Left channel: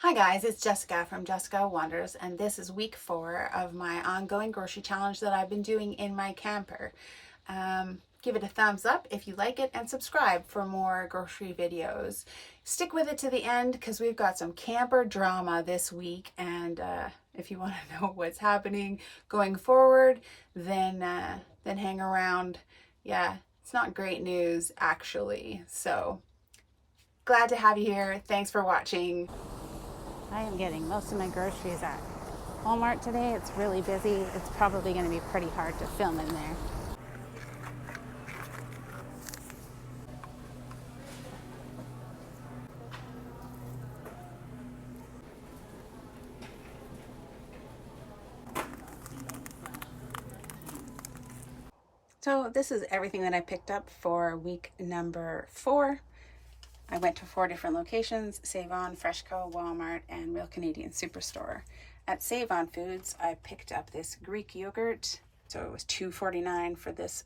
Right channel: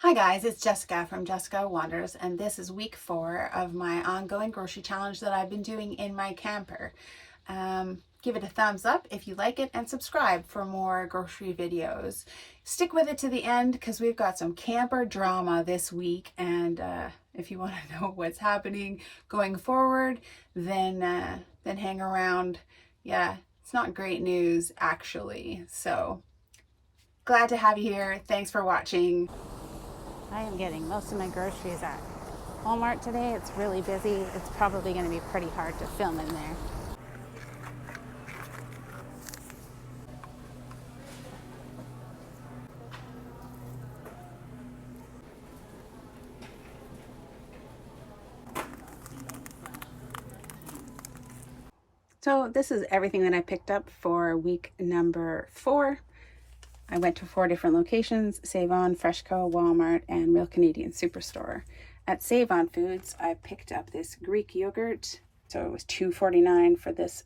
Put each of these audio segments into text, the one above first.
Hi guys, it's Jessica from Jessica Wonders, and this is week 4 of my ongoing grocery challenge that I've been doing in my camper. Give it a thumbs up if you like it and subscribe for more grocery videos. Stick with it to the end because we've got some camper drama this week, and if you want to know what's happening going forward, then hang around. Yeah, it's not great news actually. So glad to have you here. Thanks for watching. I am getting most of my groceries at Walmart today. It's really busy. It's probably going to be pretty hard to film in there. So this is everything that I picked up for week number 4. I went to 4 different locations: Save On, Freshco, Walmart, and Real Canadian Superstore. At Save On Foods, I picked up this Greek yogurt. So it was $2.49 for this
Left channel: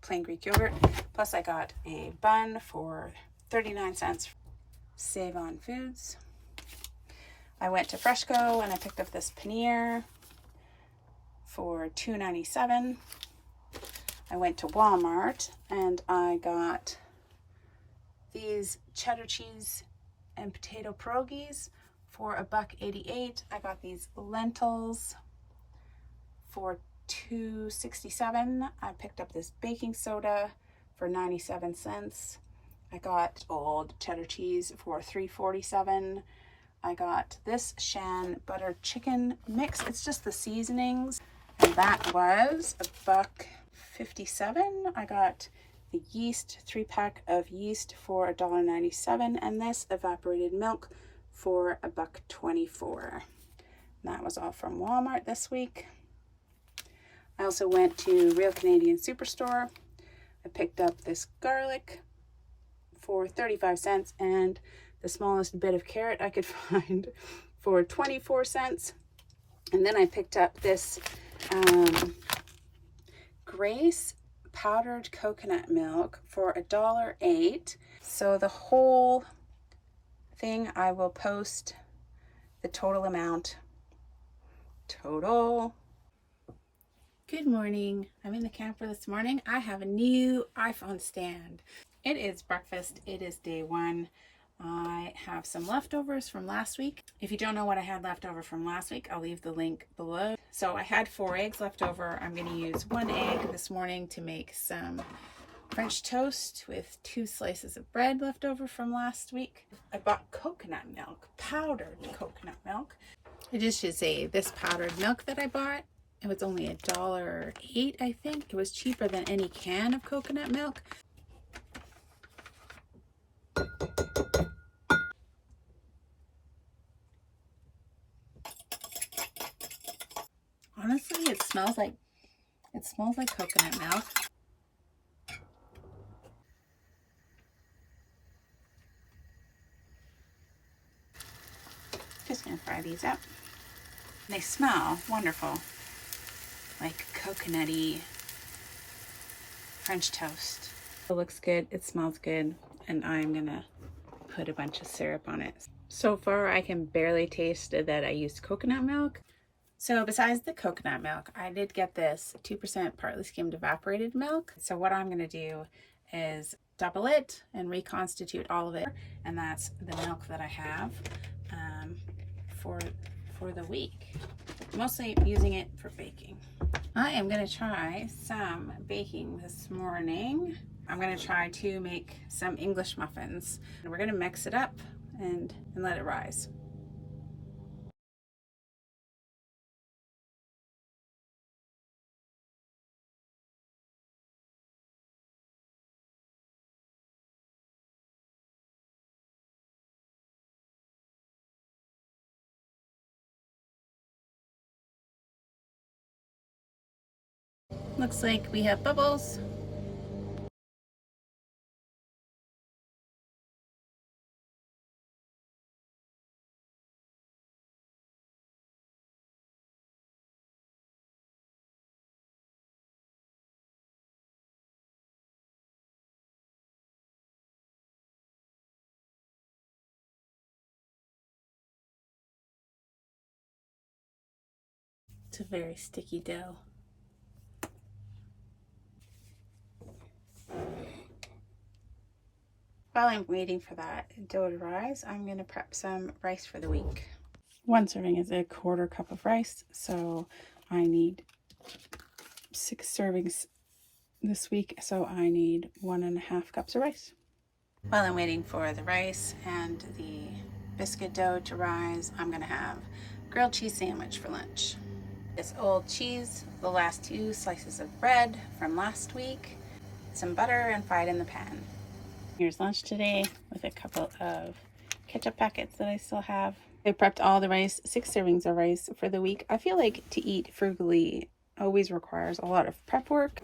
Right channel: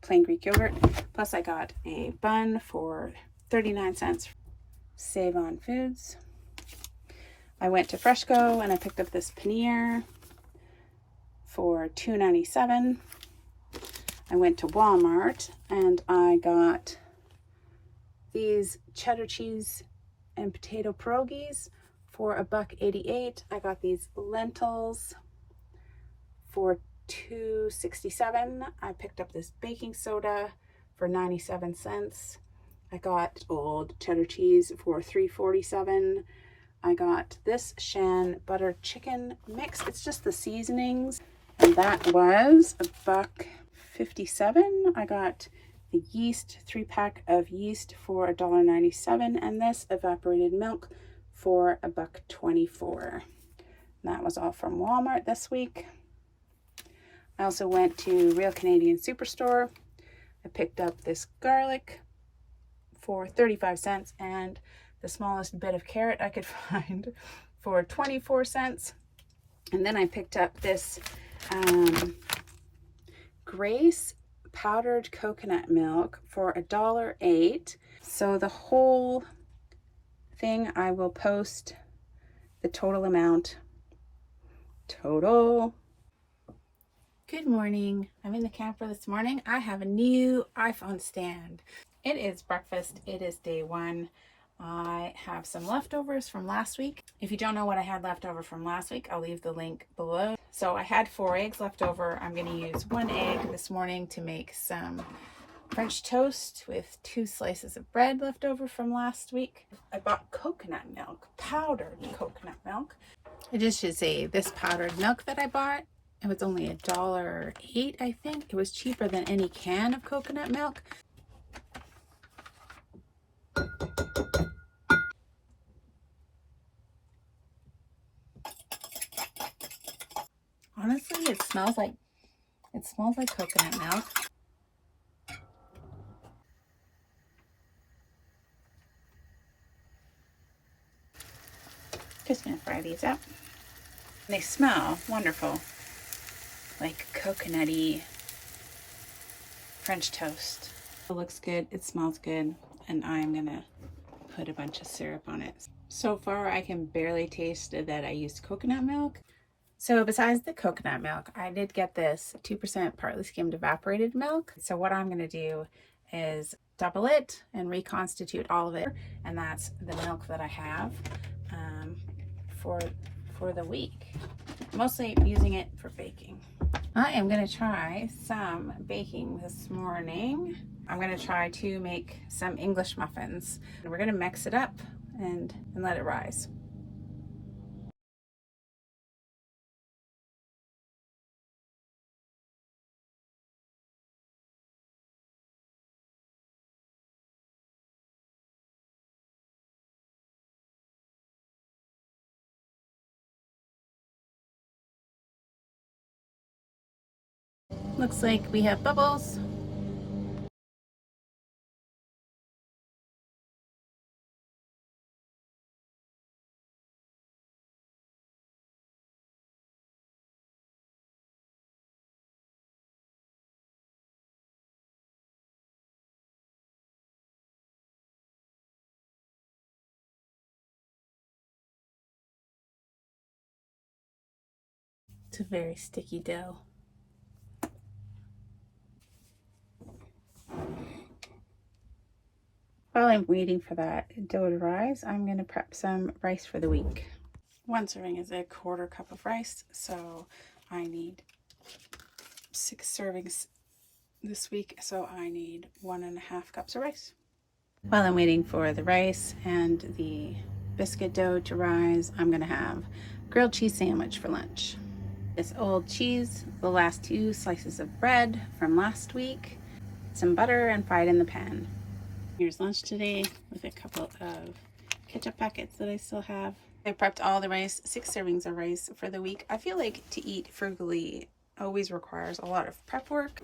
plain Greek yogurt. Plus I got a bun for 39 cents. Save On Foods. I went to Freshco and I picked up this paneer for $2.97. I went to Walmart and I got these cheddar cheese and potato pierogies for $1.88. I got these lentils for $2.67. I picked up this baking soda for 97 cents. I got old cheddar cheese for $3.47. I got this Shan butter chicken mix. It's just the seasonings, and that was $1.57. I got the yeast, 3-pack of yeast for $1.97, and this evaporated milk for $1.24. That was all from Walmart this week. I also went to Real Canadian Superstore. I picked up this garlic for 35 cents and the smallest bit of carrot I could find for 24 cents. And then I picked up this Grace powdered coconut milk for $1.08. So the whole thing, I will post the total amount. Total. Good morning. I'm in the camper this morning. I have a new iPhone stand. It is breakfast. It is day 1. I have some leftovers from last week. If you don't know what I had left over from last week, I'll leave the link below. So I had 4 eggs left over. I'm going to use 1 egg this morning to make some French toast with 2 slices of bread left over from last week. I bought coconut milk, powdered coconut milk. I just should say this powdered milk that I bought, it was only $1.08, I think. It was cheaper than any can of coconut milk. Honestly, it smells like coconut milk. Just gonna fry these up. They smell wonderful, like coconutty French toast. It looks good, it smells good, and I'm gonna put a bunch of syrup on it. So far, I can barely taste that I used coconut milk. So besides the coconut milk, I did get this 2% partly skimmed evaporated milk. So what I'm going to do is double it and reconstitute all of it. And that's the milk that I have for the week. Mostly using it for baking. I am going to try some baking this morning. I'm going to try to make some English muffins. We're going to mix it up and let it rise. Looks like we have bubbles. It's a very sticky dough. While I'm waiting for that dough to rise, I'm going to prep some rice for the week. 1 serving is a 1/4 cup of rice, so I need 6 servings this week, so I need 1.5 cups of rice. While I'm waiting for the rice and the biscuit dough to rise, I'm going to have grilled cheese sandwich for lunch. This old cheese, the last 2 slices of bread from last week, some butter, and fry it in the pan. Here's lunch today with a couple of ketchup packets that I still have. I prepped all the rice, 6 servings of rice for the week. I feel like to eat frugally always requires a lot of prep work.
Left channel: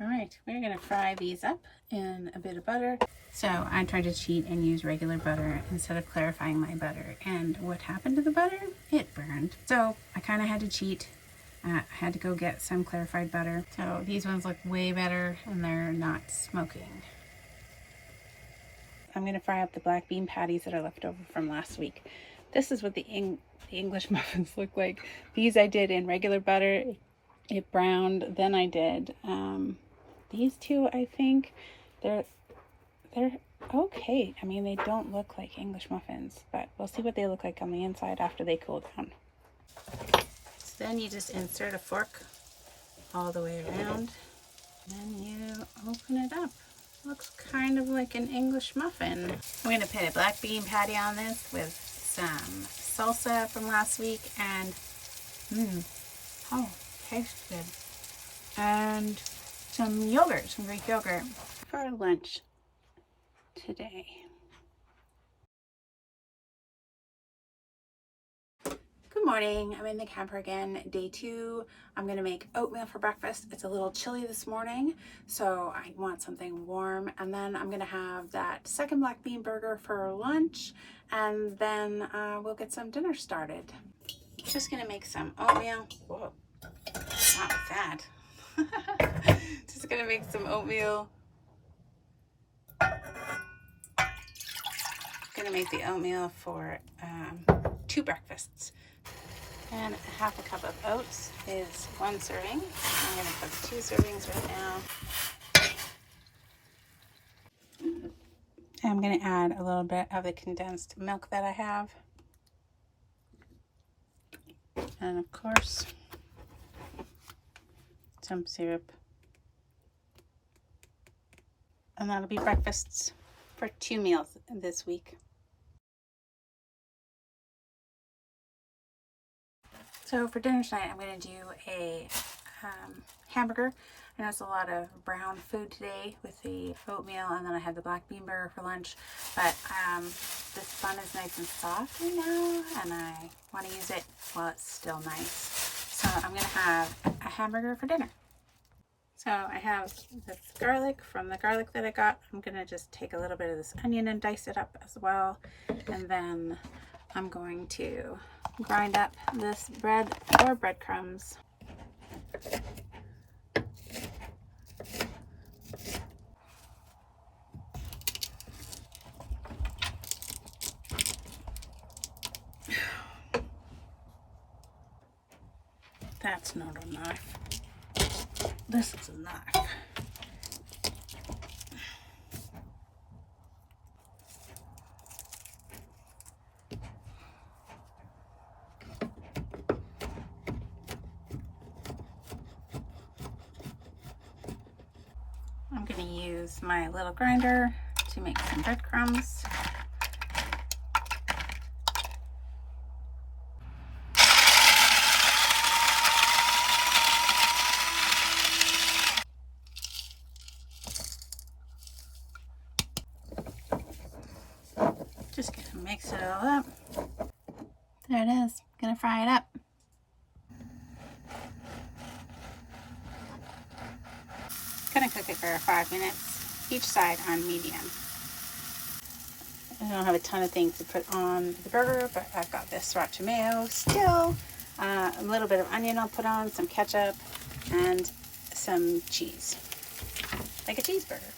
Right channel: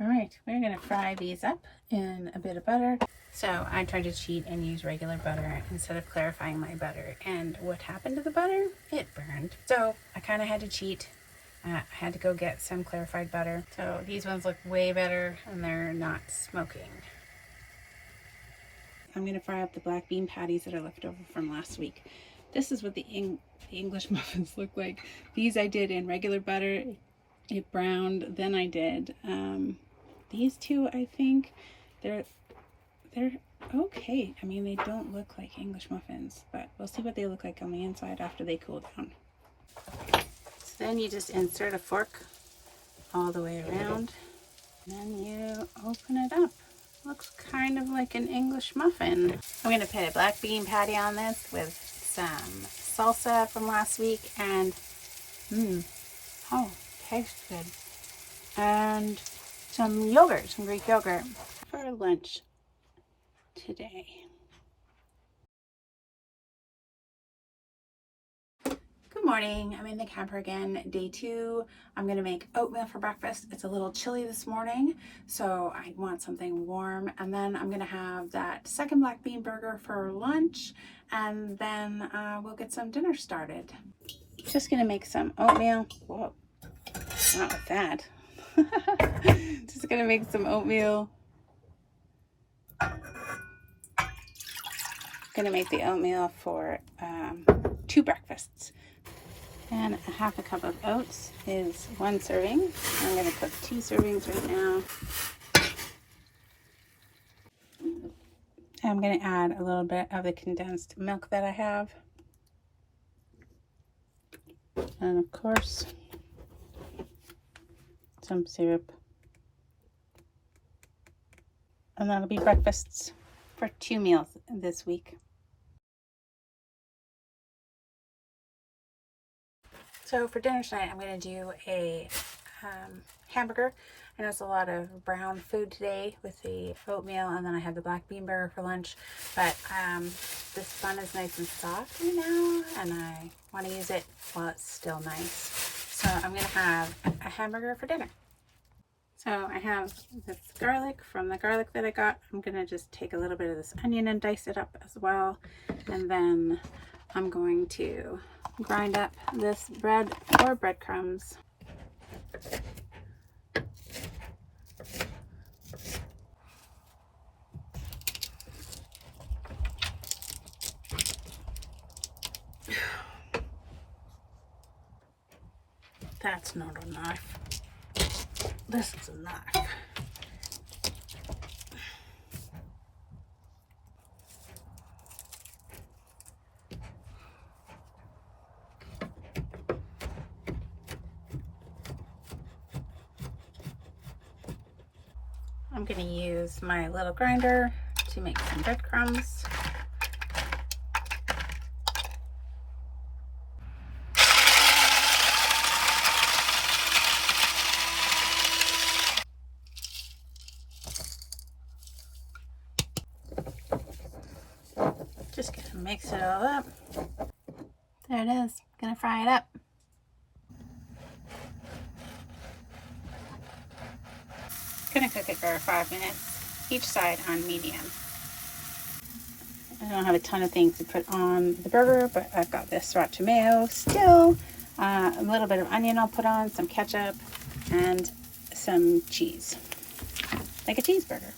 All right, we're gonna fry these up in a bit of butter. So I tried to cheat and use regular butter instead of clarifying my butter. And what happened to the butter? It burned. So I kind of had to cheat. I had to go get some clarified butter. So these ones look way better and they're not smoking. I'm gonna fry up the black bean patties that are left over from last week. This is what the English muffins look like. These I did in regular butter. It browned. Then I did these 2, I think. They're okay. I mean, they don't look like English muffins, but we'll see what they look like on the inside after they cool down. So then you just insert a fork all the way around, and then you open it up. Looks kind of like an English muffin. I'm going to put a black bean patty on this with some salsa from last week, and oh, tastes good. And some yogurt, some Greek yogurt for lunch today. Good morning. I'm in the camper again, day 2. I'm gonna make oatmeal for breakfast. It's a little chilly this morning, so I want something warm. And then I'm gonna have that second black bean burger for lunch, and then we'll get some dinner started. Just gonna make some oatmeal. Whoa, not with that. Just gonna make some oatmeal. Gonna make the oatmeal for 2 breakfasts. And 1/2 cup of oats is 1 serving. I'm gonna cook 2 servings right now. I'm gonna add a little bit of the condensed milk that I have. And of course, some syrup. And that'll be breakfasts for 2 meals this week. So for dinner tonight, I'm going to do a hamburger. I know it's a lot of brown food today with the oatmeal, and then I had the black bean burger for lunch. But this bun is nice and soft right now, and I want to use it while it's still nice. So I'm going to have a hamburger for dinner. So I have this garlic from the garlic that I got. I'm going to just take a little bit of this onion and dice it up as well. And then I'm going to grind up this bread or breadcrumbs. That's not a knife. This is a knife. I'm going to use my little grinder to make some breadcrumbs. Just gonna mix it all up. There it is. Gonna fry it up. Gonna cook it for 5 minutes, each side on medium. I don't have a ton of things to put on the burger, but I've got this sriracha mayo still, a little bit of onion I'll put on, some ketchup, and some cheese, like a cheeseburger.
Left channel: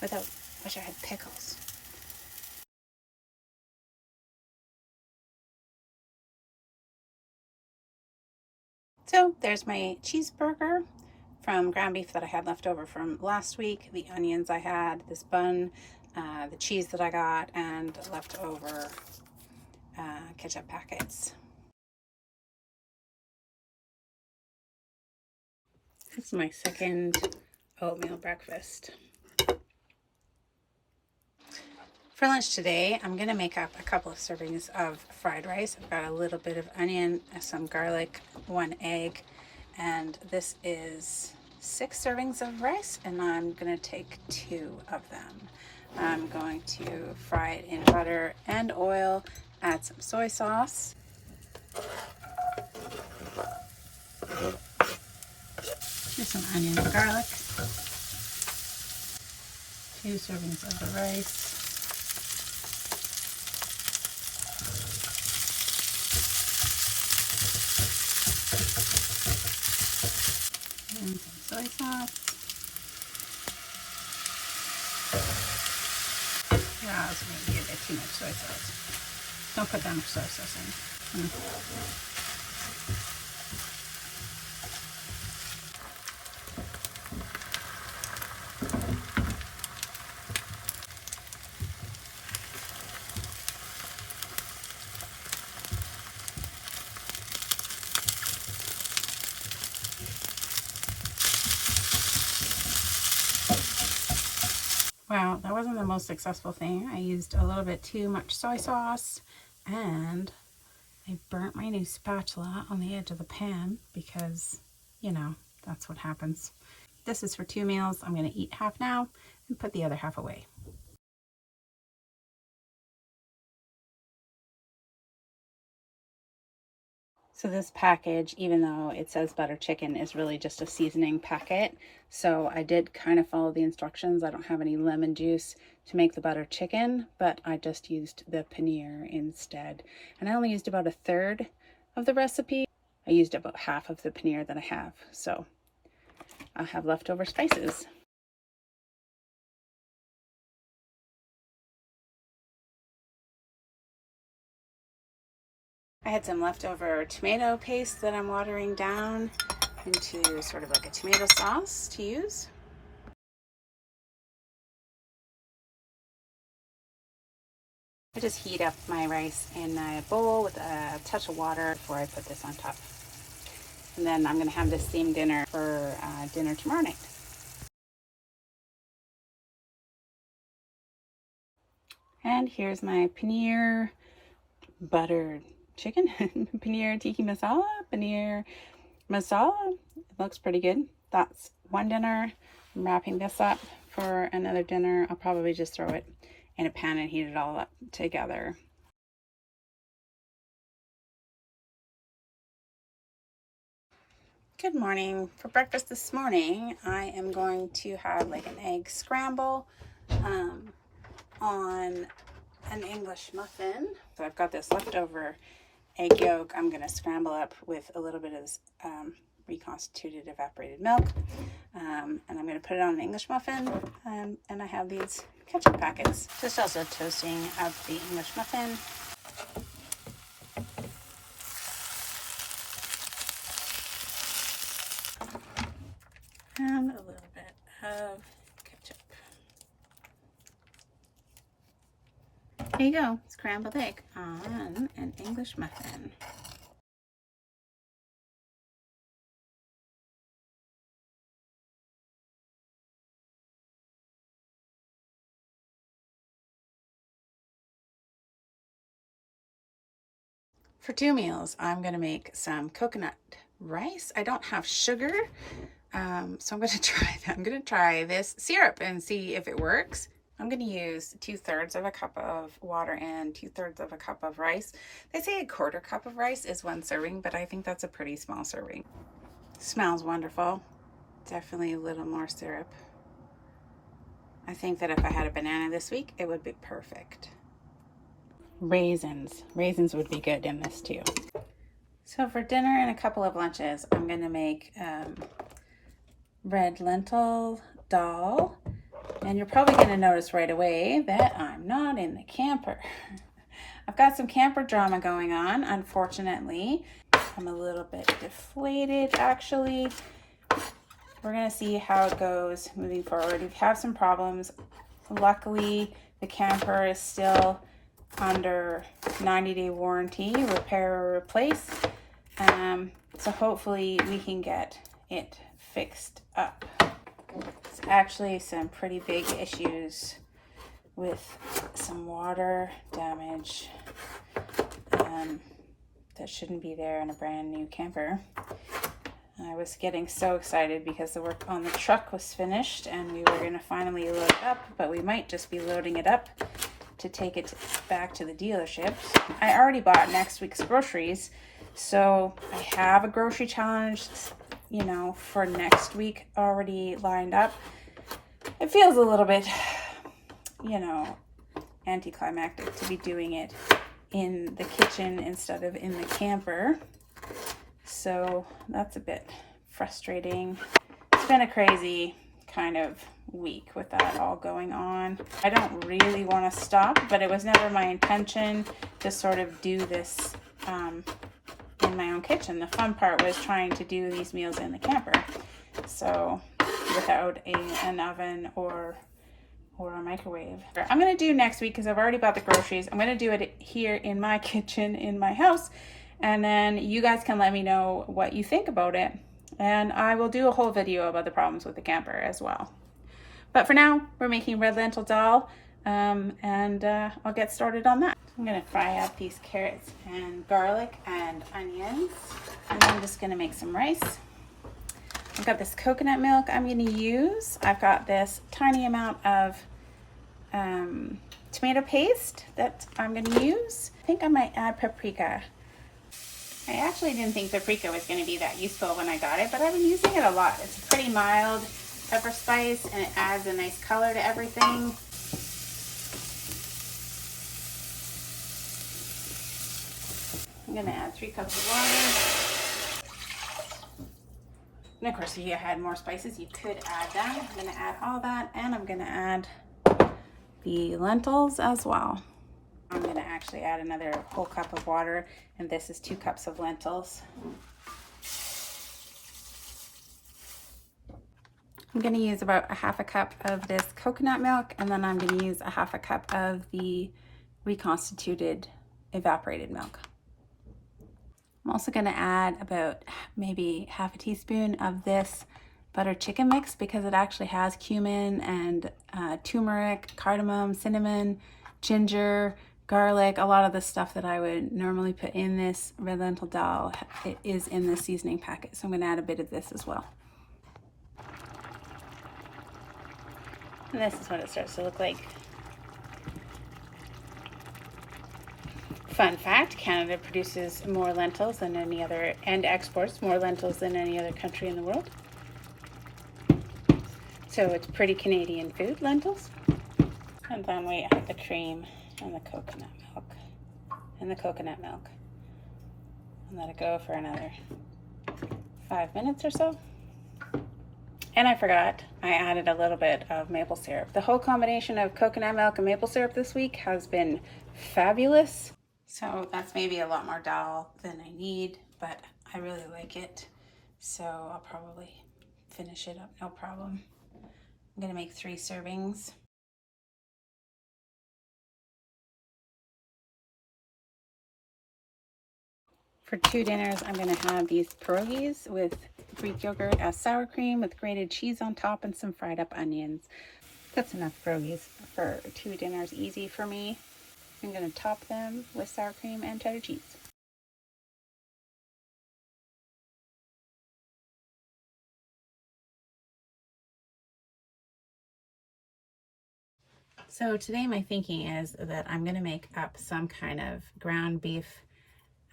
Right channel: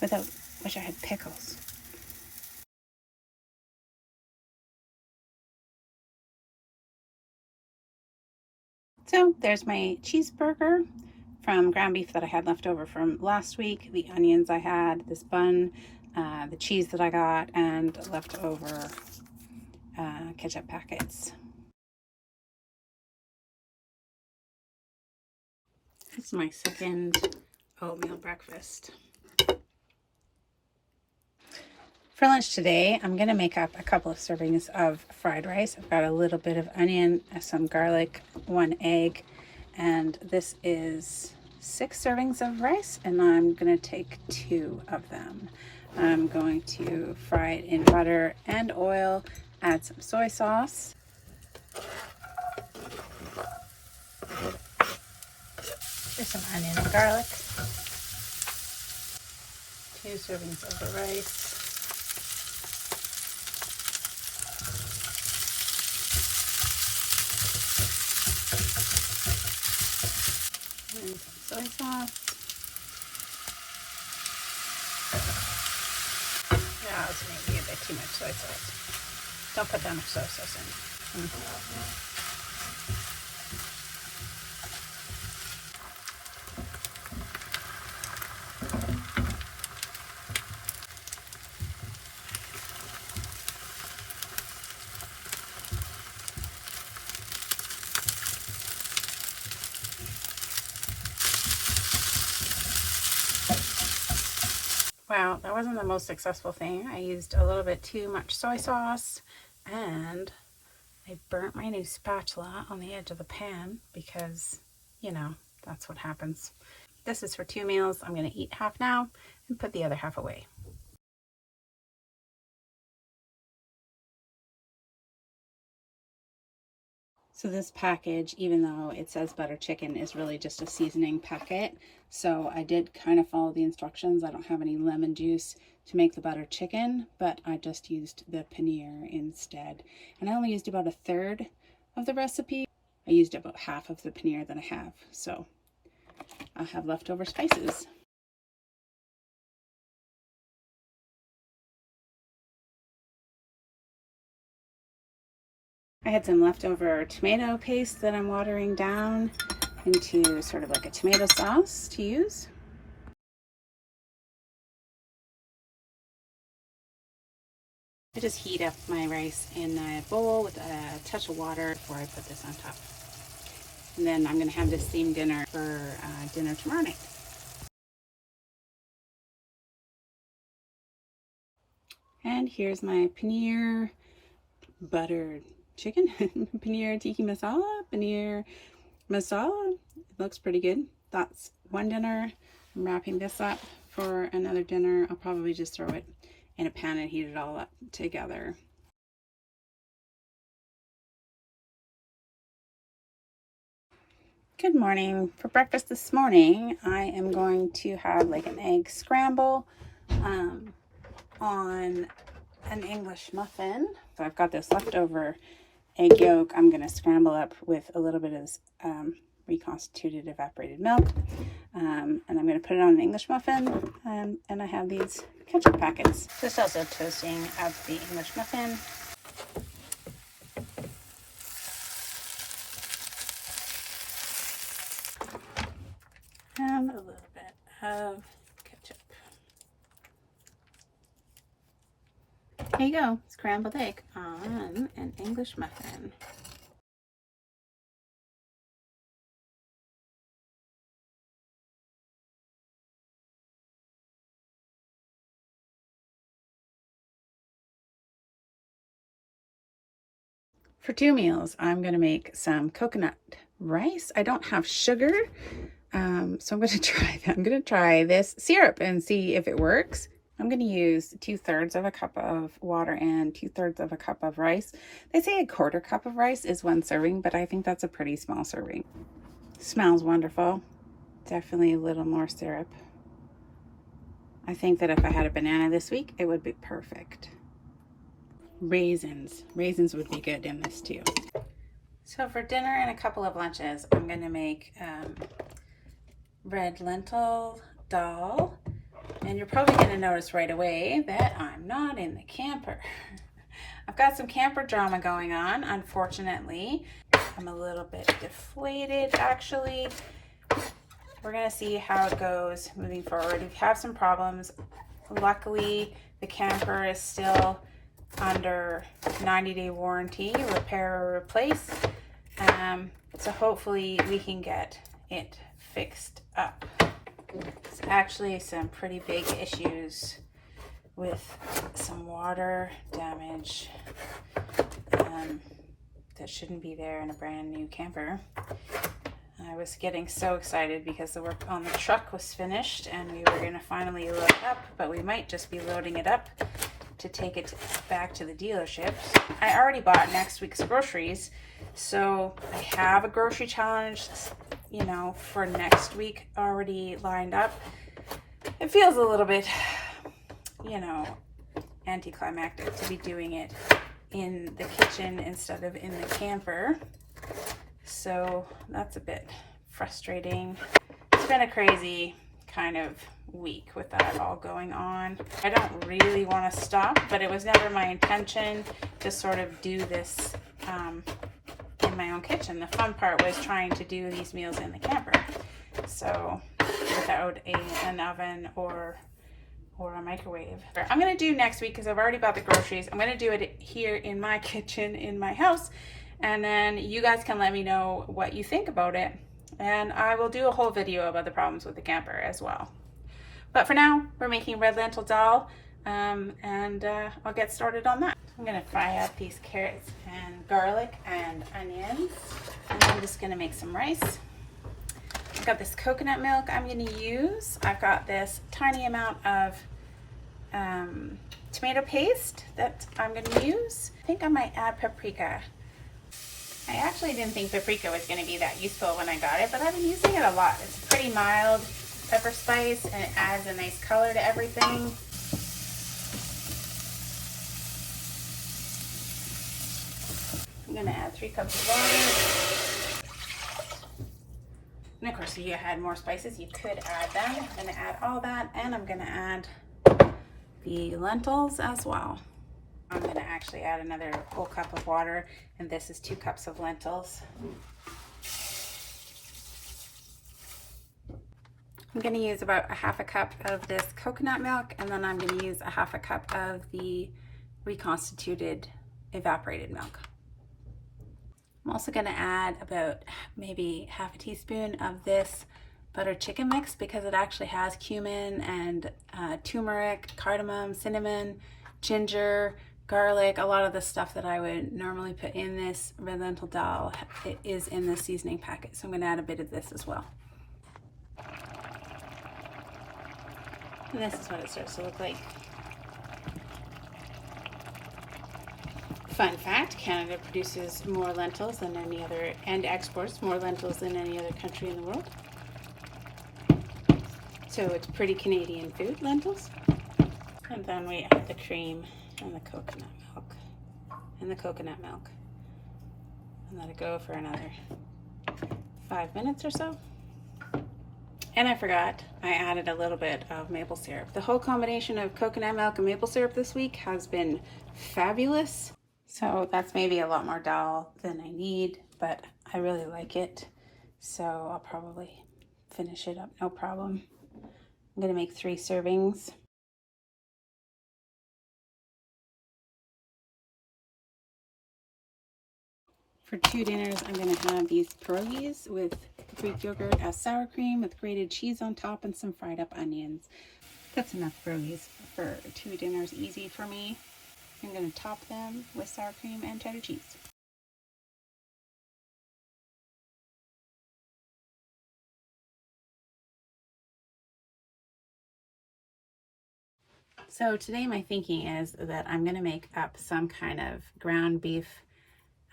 Without, wish I had pickles. So there's my cheeseburger from ground beef that I had left over from last week, the onions I had, this bun, the cheese that I got, and leftover ketchup packets. This is my second oatmeal breakfast. For lunch today, I'm going to make up a couple of servings of fried rice. I've got a little bit of onion, some garlic, 1 egg, and this is 6 servings of rice, and I'm going to take 2 of them. I'm going to fry it in butter and oil, add some soy sauce. With some onion and garlic. 2 servings of the rice. And soy sauce. That was maybe a bit too much soy sauce. Don't put that much soy sauce in. Wow, that wasn't the most successful thing. I used a little bit too much soy sauce, and I burnt my new spatula on the edge of the pan because, you know, that's what happens. This is for 2 meals. I'm going to eat half now and put the other half away. So this package, even though it says butter chicken, is really just a seasoning packet. So I did kind of follow the instructions. I don't have any lemon juice to make the butter chicken, but I just used the paneer instead. And I only used about 1/3 of the recipe. I used about half of the paneer that I have. So I'll have leftover spices. I had some leftover tomato paste that I'm watering down into sort of like a tomato sauce to use. I just heat up my rice in a bowl with a touch of water before I put this on top. And then I'm going to have this steamed dinner for dinner tomorrow night. And here's my paneer buttered chicken, paneer tikka masala, paneer masala. It looks pretty good. That's one dinner. I'm wrapping this up for another dinner. I'll probably just throw it in a pan and heat it all up together. Good morning. For breakfast this morning, I am going to have like an egg scramble on an English muffin. So I've got this leftover egg yolk. I'm going to scramble up with a little bit of reconstituted evaporated milk. And I'm going to put it on an English muffin. And I have these ketchup packets. Just also toasting up the English muffin. And a little bit of ketchup. There you go, scrambled egg on an English muffin. For 2 meals, I'm going to make some coconut rice. I don't have sugar, so I'm going to try that. I'm going to try this syrup and see if it works. I'm going to use 2/3 of a cup of water and 2/3 of a cup of rice. They say a 1/4 cup of rice is 1 serving, but I think that's a pretty small serving. Smells wonderful. Definitely a little more syrup. I think that if I had a banana this week, it would be perfect. Raisins. Raisins would be good in this too. So for dinner and a couple of lunches, I'm going to make red lentil dal. And you're probably going to notice right away that I'm not in the camper. I've got some camper drama going on, unfortunately. I'm a little bit deflated, actually. We're going to see how it goes moving forward. We have some problems. Luckily, the camper is still under 90-day warranty, repair or replace. So hopefully we can get it fixed up. It's actually some pretty big issues with some water damage that shouldn't be there in a brand new camper. I was getting so excited because the work on the truck was finished and we were going to finally load it up, but we might just be loading it up to take it back to the dealership. I already bought next week's groceries, so I have a grocery challenge, you know, for next week already lined up. It feels a little bit, you know, anticlimactic to be doing it in the kitchen instead of in the camper. So that's a bit frustrating. It's been a crazy kind of week with that all going on. I don't really want to stop, but it was never my intention to sort of do this in my own kitchen. The fun part was trying to do these meals in the camper, so without an oven or a microwave. I'm going to do next week, because I've already bought the groceries, I'm going to do it here in my kitchen in my house, and then you guys can let me know what you think about it, and I will do a whole video about the problems with the camper as well. But for now, we're making red lentil dal, and I'll get started on that. I'm going to fry up these carrots and garlic and onions, and I'm just going to make some rice. I've got this coconut milk I'm going to use. I've got this tiny amount of tomato paste that I'm going to use. I think I might add paprika. I actually didn't think paprika was going to be that useful when I got it, but I've been using it a lot. It's pretty mild pepper spice, and it adds a nice color to everything. I'm going to add 3 cups of water. And of course, if you had more spices, you could add that. I'm going to add all that, and I'm going to add the lentils as well. I'm going to actually add another whole cup of water, and this is 2 cups of lentils. I'm going to use about a 1/2 cup of this coconut milk, and then I'm going to use a 1/2 cup of the reconstituted evaporated milk. I'm also going to add about maybe 1/2 teaspoon of this butter chicken mix, because it actually has cumin and turmeric, cardamom, cinnamon, ginger, garlic. A lot of the stuff that I would normally put in this red lentil dal, it is in the seasoning packet, so I'm going to add a bit of this as well. And this is what it starts to look like. Fun fact, Canada produces more lentils than any other, and exports more lentils than any other country in the world. So it's pretty Canadian food, lentils. And then we add the cream and the coconut milk. And let it go for another 5 minutes or so. And I forgot, I added a little bit of maple syrup. The whole combination of coconut milk and maple syrup this week has been fabulous. So that's maybe a lot more dal than I need, but I really like it. So I'll probably finish it up, no problem. I'm gonna make 3 servings. For 2 dinners, I'm gonna have these pierogies with Greek yogurt as sour cream with grated cheese on top and some fried up onions. That's enough pierogies for 2 dinners, easy for me. I'm gonna top them with sour cream and cheddar cheese. So today my thinking is that I'm going to make up some kind of ground beef,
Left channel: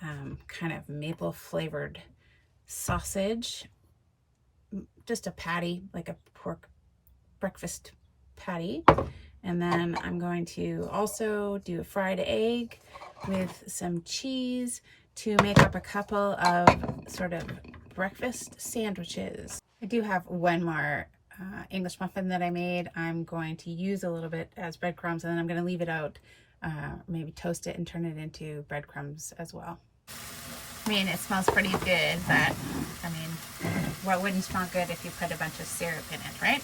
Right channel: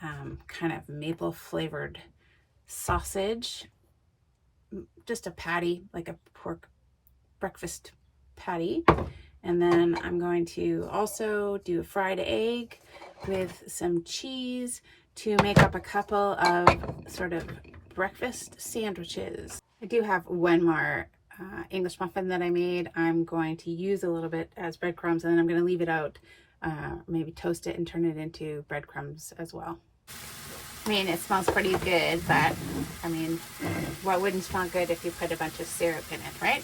kind of maple flavored sausage, just a patty, like a pork breakfast patty. And then I'm going to also do a fried egg with some cheese to make up a couple of sort of breakfast sandwiches. I do have one more English muffin that I made. I'm going to use a little bit as breadcrumbs, and then I'm going to leave it out, maybe toast it and turn it into breadcrumbs as well. I mean, it smells pretty good, but I mean, what wouldn't smell good if you put a bunch of syrup in it, right?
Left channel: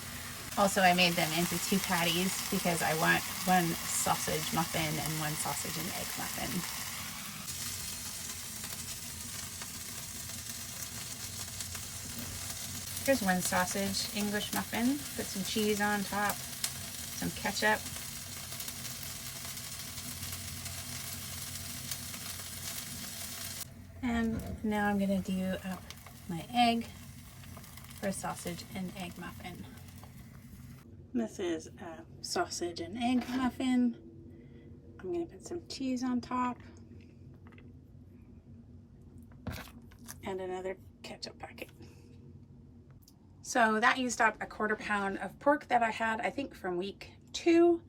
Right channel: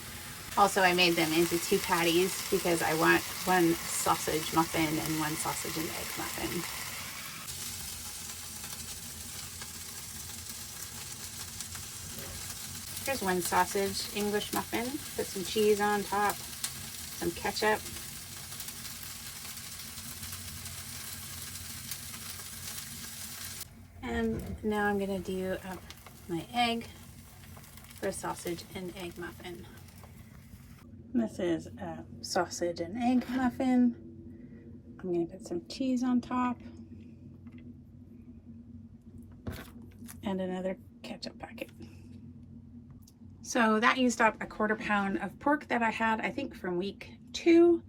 Also, I made them into 2 patties because I want one sausage muffin and one sausage and egg muffin. Here's one sausage English muffin. Put some cheese on top, some ketchup. And now I'm gonna do my egg for a sausage and egg muffin. This is a sausage and egg muffin. I'm gonna put some cheese on top and another ketchup packet. So that used up a 1/4 pound of pork that I had, I think from week 2,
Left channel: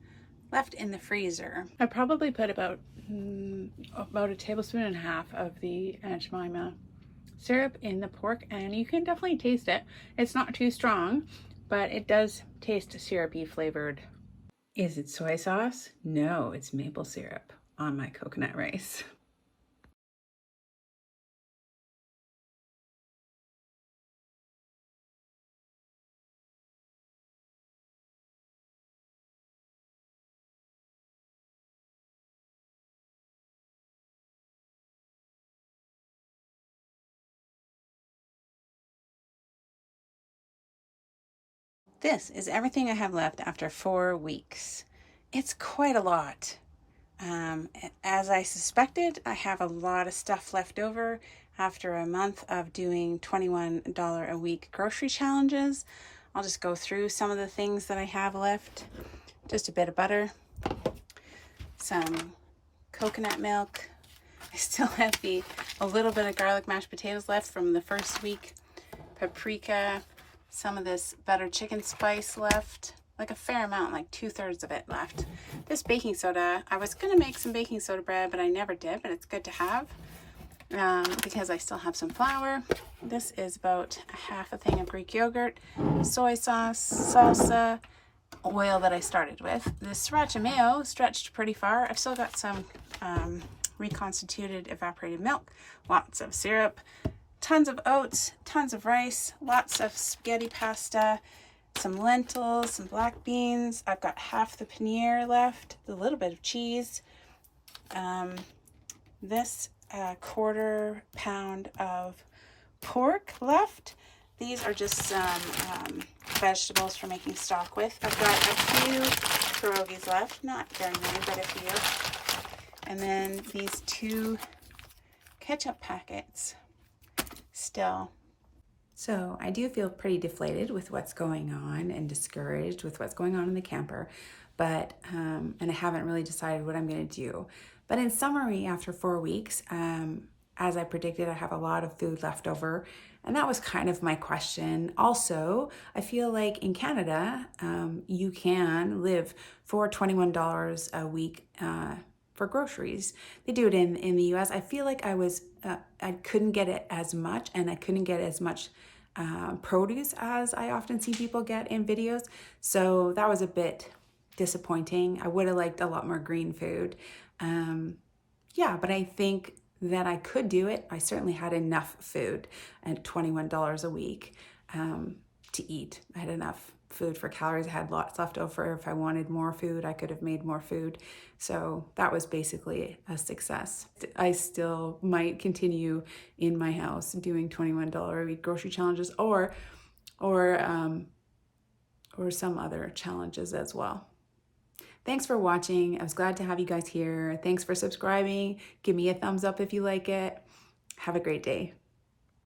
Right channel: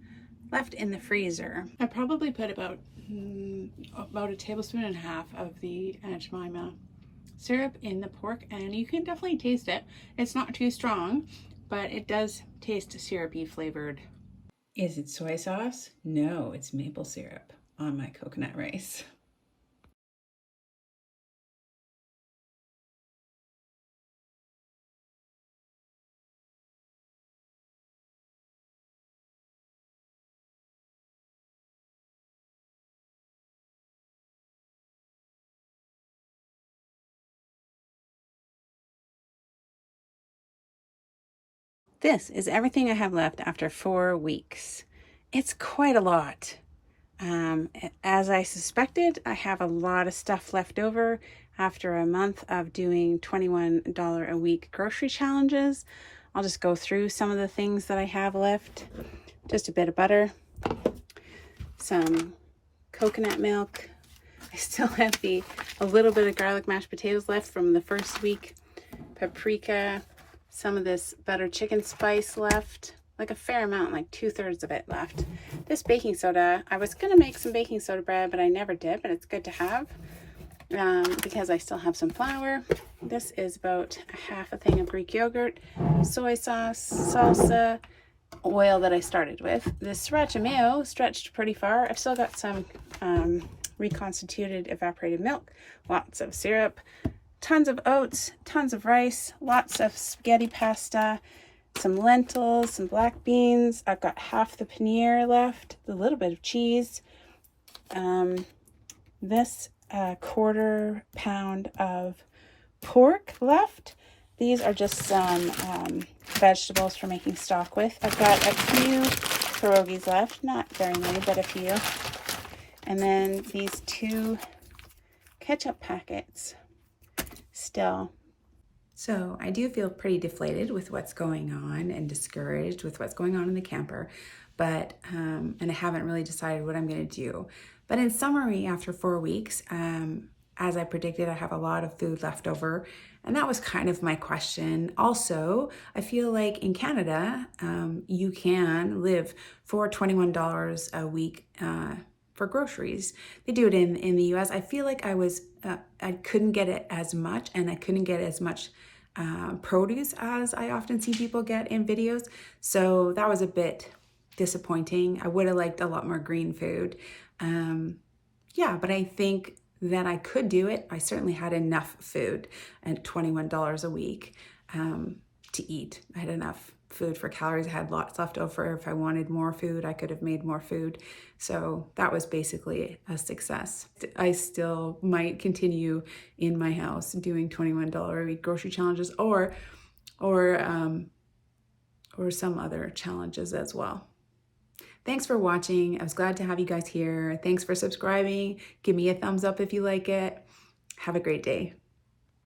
left in the freezer. I probably put about 1.5 tablespoons of the Aunt Jemima syrup in the pork, and you can definitely taste it. It's not too strong, but it does taste syrupy flavored. Is it soy sauce? No, it's maple syrup on my coconut rice. This is everything I have left after 4 weeks. It's quite a lot. As I suspected, I have a lot of stuff left over after a month of doing $21 a week grocery challenges. I'll just go through some of the things that I have left. Just a bit of butter, some coconut milk. I still have a little bit of garlic mashed potatoes left from the first week. Paprika, some of this butter chicken spice left, like a fair amount, like 2/3 of it left. This baking soda, I was gonna make some baking soda bread, but I never did, but it's good to have because I still have some flour. This is about half a thing of Greek yogurt, soy sauce, salsa, oil that I started with. This sriracha mayo stretched pretty far. I've still got some reconstituted evaporated milk, lots of syrup, tons of oats, tons of rice, lots of spaghetti pasta, some lentils, some black beans. I've got half the paneer left, a little bit of cheese. This 1/4 pound of pork left. These are just some vegetables for making stock with. I've got a few pierogies left, not very many, but a few. And then these 2 ketchup packets still. So I do feel pretty deflated with what's going on and discouraged with what's going on in the camper, but and I haven't really decided what I'm going to do. But in summary, after 4 weeks, as I predicted, I have a lot of food left over, and that was kind of my question. Also, I feel like in Canada, you can live for $21 a week for groceries. They do it in the US. I feel like I couldn't get it as much, and I couldn't get as much produce as I often see people get in videos. So that was a bit disappointing. I would have liked a lot more green food. Yeah, but I think that I could do it. I certainly had enough food at $21 a week to eat. I had enough food for calories. I had lots left over. If I wanted more food, I could have made more food. So that was basically a success. I still might continue in my house doing $21 a week grocery challenges or some other challenges as well. Thanks for watching. I was glad to have you guys here. Thanks for subscribing. Give me a thumbs up if you like it. Have a great day.